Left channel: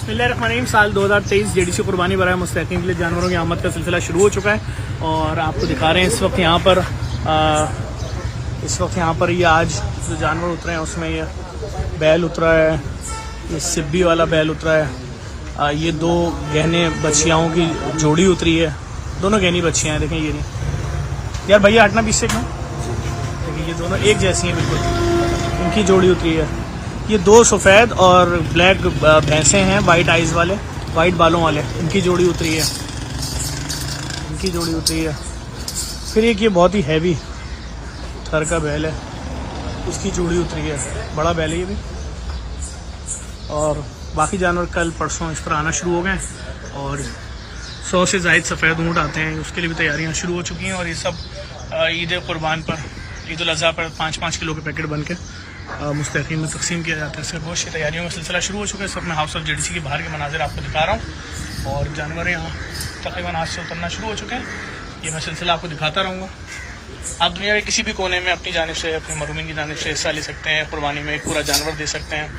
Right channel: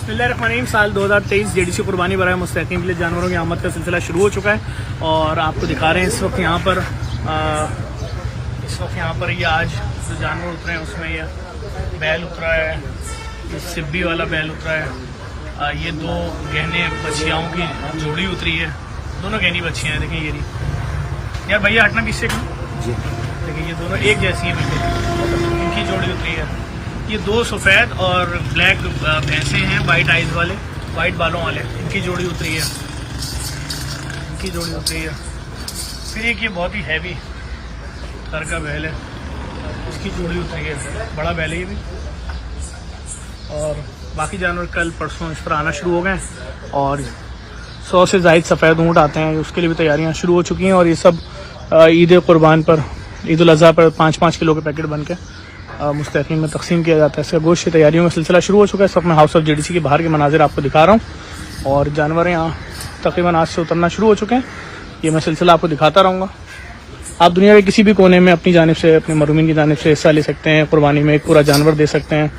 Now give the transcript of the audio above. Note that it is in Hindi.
बिस्मिल्लाहिर्रहमानिर्रहीम। साल 2023 जेडीसी कुर्बानी बराए मुस्तहिकीन के लिए जानवरों की आमद का सिलसिला शुरू हो चुका है और आपको दिखा रहे हैं इस वक्त यहाँ पर ये आज जो जानवर उतरे हैं उसमें ये बैल उतरा है, ये सिब्बी वाला बैल उतरा है, ये दो गहने बच्चियाओं की जोड़ी उतरी है, दोनों गहनी बच्चियाँ हैं। देखें ये नहीं यार भैया हटना पीछे का, देखिए ये दोनों एक जैसी हैं बिल्कुल, इनकी जोड़ी उतरी है। ये दो सफ़ेद और ब्लैक भैंसे हैं, वाइट आइज़ वाले, वाइट बालों वाले, इनकी जोड़ी उतरी है, इनकी जोड़ी उतरी है। फिर एक ये बहुत ही हैवी थर का बैल है, इसकी जोड़ी उतरी है, बड़ा बैल है ये भी। और बाकी जानवर कल परसों इस पर आना शुरू हो गए और 100 से ज़ायद सफ़ेद ऊँट आते हैं, उसके लिए भी तैयारियां शुरू हो चुकी हैं। और ये सब ईद कुर्बान पर, ईद उल अज़हा पर 5-5 किलो के पैकेट बन के मुस्तहिकीन में तकसीम किया जाता है। इसका गोश्त की तैयारियों का सिलसिला शुरू हो चुका है। इस वक्त मैं हाउस ऑफ जेडीसी के बाहर के मनाजिर आपको दिखा रहा हूँ और जानवर यहाँ तकरीबन आज से उतरना शुरू हो चुके हैं। ये मैं सिलसिला आपको दिखाता रहूँगा। आप दुनिया के किसी भी कोने में अपनी जानिब से, अपने मरूमीन की जानिब से हिस्सा ले सकते हैं, कुर्बानी में एक पूरा जानवर दे सकते हैं।